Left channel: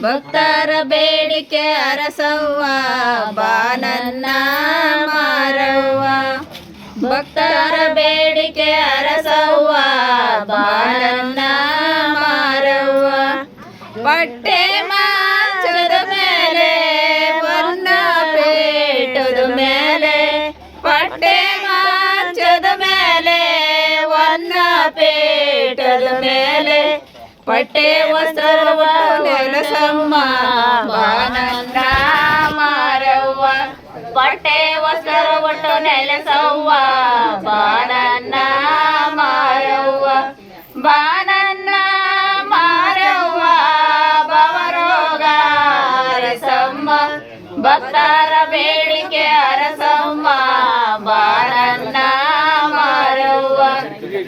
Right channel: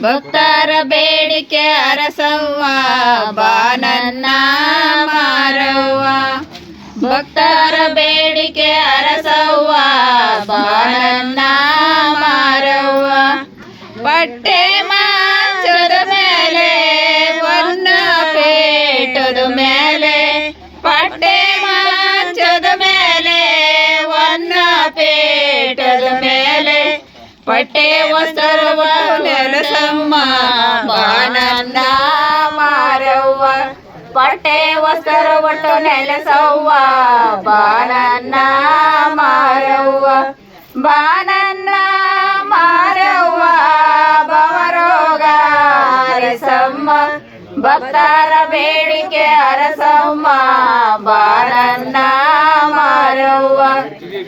ಭಕ್ತರ ಬೇಡಿಕೆ ಅರಸವ್ವ, ಬಾನನ್ನ ಮಾರವ್ವ. ಭಕ್ತರ ಬೇಡಿಕೆ ಅರಸವ್ವ, ಬಾನನ್ನ ಮಾರವ್ವ. ಬಟ್ಟೆ ಮಾಚದ ಮೇಲೆ ವನ್ನ ಪೇಟದ ಮೇಲೆ ಪಟ್ಟೆ ವಸ್ತ್ರವ ನೆಲಸಮ್ಮ, ಬಾನನ್ನ ಮಾರವ್ವ. ಪಟ್ಟೆ ವಸ್ತ್ರ ಒಟ್ಟು ನೆಲಸವ್ವ, ಬಾನನ್ನ ಮಾರವ್ವ. ಬಾನನ್ನ ಮಾರವ್ವ ಬವರೋಗ ಅರಸಮ್ಮ. ಭಕ್ತರ ಬೇಡಿಕೆ ಅರಸಮ್ಮ, ಬಾನನ್ನ ಮಾರವ್ವ.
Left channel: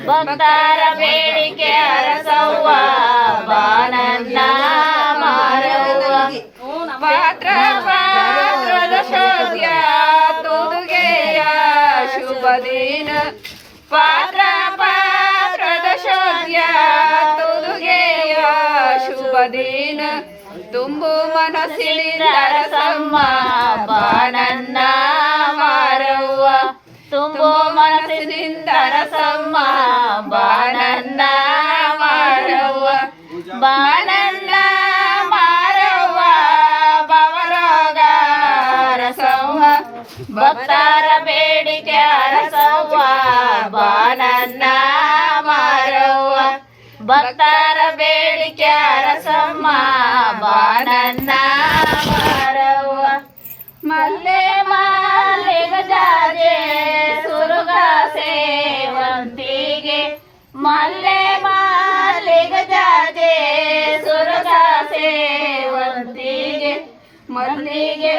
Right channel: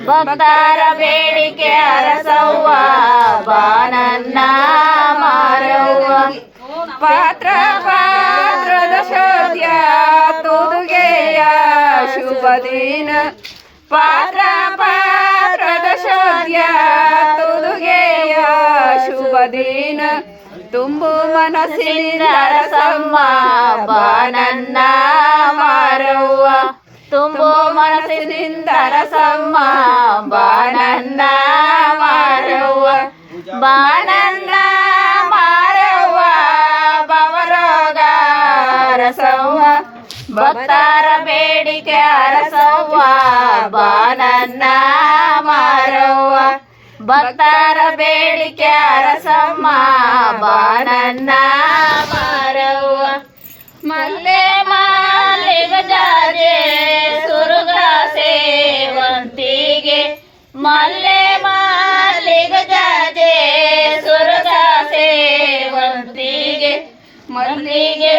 ಭಕ್ತರ ಬೇಡಿಕೆ ಅರಸವ್ವ ಶುಭ ದಿನ ಪಾತ್ರ ಪಾತ್ರದ ಶೋಧ್ಯ ತುದುಗೆಯ ಶುಭ ತುಂಬು ಮನಸ್ಸಿನಿಂದ ಅರಸಮ್ಮ ಬಾನನ್ನ ಮಾರವ್ವ ತುಂಬು ಮನಸ್ಸಿನಿಂದ ಅರಸಮ್ಮ ಬಾನನ್ನ ಮಾರವ್ವ ಬಾನನ್ನ ಮಾರವ್ವ ಬವರೋಗ ಅರಸವ್ವ ಭಕ್ತರ ಬೇಡಿಕೆ ಅರಸವ್ವ, ಬಾನನ್ನ ಮಾರವ್ವ. ಭಕ್ತರ ಬೇಡಿಕೆ ಅರಸಮ್ಮ, ಬಾನನ್ನ ಮಾರವ್ವ. ಮಲ್ಲೆ ಮಾಲೆ ಗಜಾಜೆ, ಸುರುಗ ಸೇವಂತಿಗೆ. ಮಲ್ಲೆ ಮಾಲೆ ಗಜಾಜೆ, ಸುರುಗ ಸೇವಂತಿಗೆ. ಮಲ್ಲಿಗೆ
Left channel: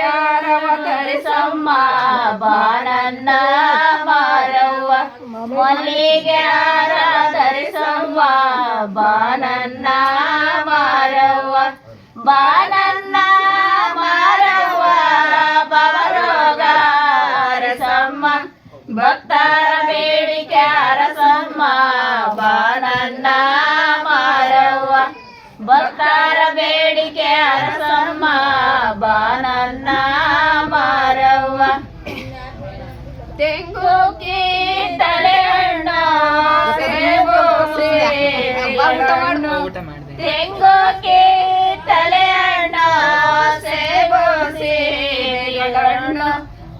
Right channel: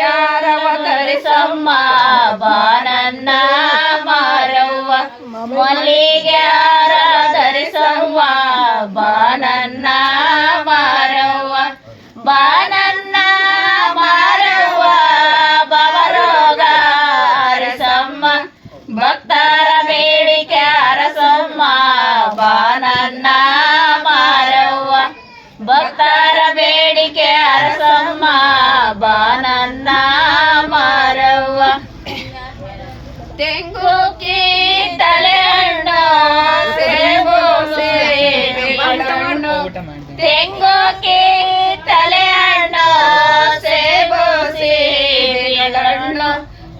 ಮಲ್ಲಿಗೆ ಆರ ಧರಿಸವ್ವ ಬಾನನ್ನ ಮಾರವ್ವ ಬಾನನ್ನ ಮಾರವ್ವ ಬವರೋಗ ಅರಸಮ್ಮ ಭಕ್ತರ ಬೇಡಿಕೆ ಅರಸಮ್ಮ ಬಾನನ್ನ ಮಾರವ್ವ ಭಕ್ತರ ಬೇಡಿಕೆ ಅರಸಮ್ಮ ಬಾನನ್ನ ಮಾರವ್ವ ತೆಂಗು ಹಣ್ಣು ತೆಂಗು ತಲೆ ಅಣ್ಣ, ಸೇಬು ಹಣ್ಣು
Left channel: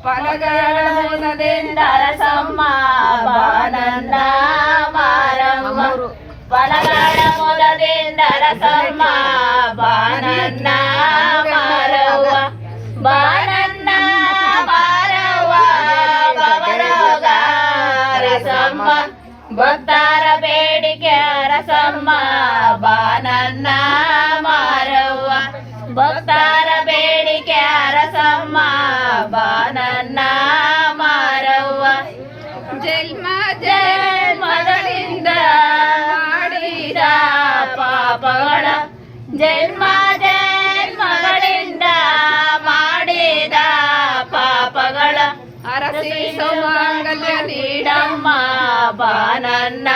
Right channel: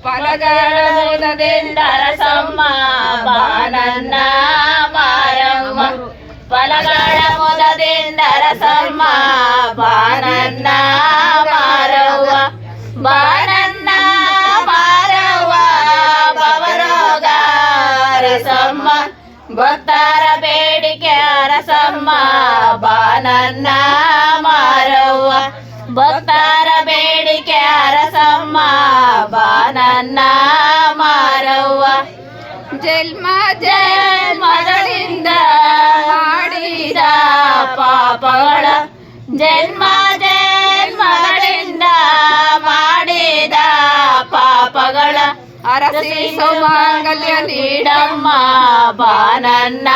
ಫಲಗಳ ಮುದದಿಂದ ರಸಮ್ಮ ಬಾನನ್ನ ಮಾರಮ್ಮ. ಫಲಗಳ ಮುದದಿಂದ ರಸಮ್ಮ ಬಾನನ್ನ ಮಾರವ್ವ. ಬಾನನ್ನ ಮಾರವ್ವ ಬವರೋಗ ರಸಮ್ಮ ಅರಸಮ್ಮ ಬಾನನ್ನ ಮಾರವ್ವ. ಭಕ್ತರ ಬೇಡಿಕೆ ಅರಸಮ್ಮ ಬಾನನ್ನ ಮಾರವ್ವ. ಜನ್ಮ ಜನ್ಮಗಳಿಂದ ಮಾಡಿದ ಪಾಪಗಳ ಜನ್ಮ ಜನ್ಮಗಳಿಂದ ಮಾಡಿದ ಪಾಪಗಳ. ಅರಸಿ ಸೌಮಾಂಗಲ್ಯ ನೀಡಮ್ಮ. ಬಾನನ್ನ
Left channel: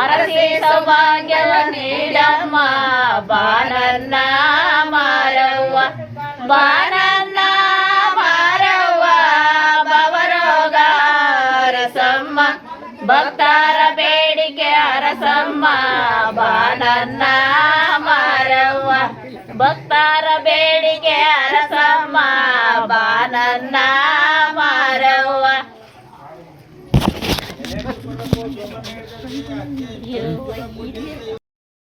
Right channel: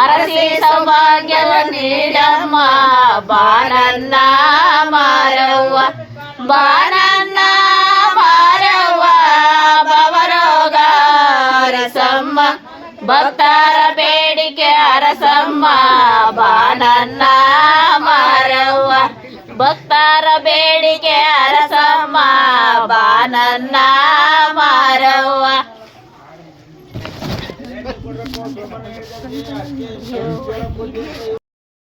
ಅರಸಿ ಸೌಭಾಗ್ಯವ ನೀಡಮ್ಮ, ಬಾನನ್ನ ಮಾರವ್ವ ಬಾನನ್ನ ಮಾರವ್ವ ಬವರೋಗ ಅರಸಮ್ಮ, ಭಕ್ತರ ಬೇಡಿಕೆ ಅರಸಮ್ಮ, ಬಾನನ್ನ ಮಾರವ್ವ, ಭಕ್ತರ ಬೇಡಿಕೆ ಅರಸಮ್ಮ, ಬಾನನ್ನ ಮಾರವ್ವ. 我们是春天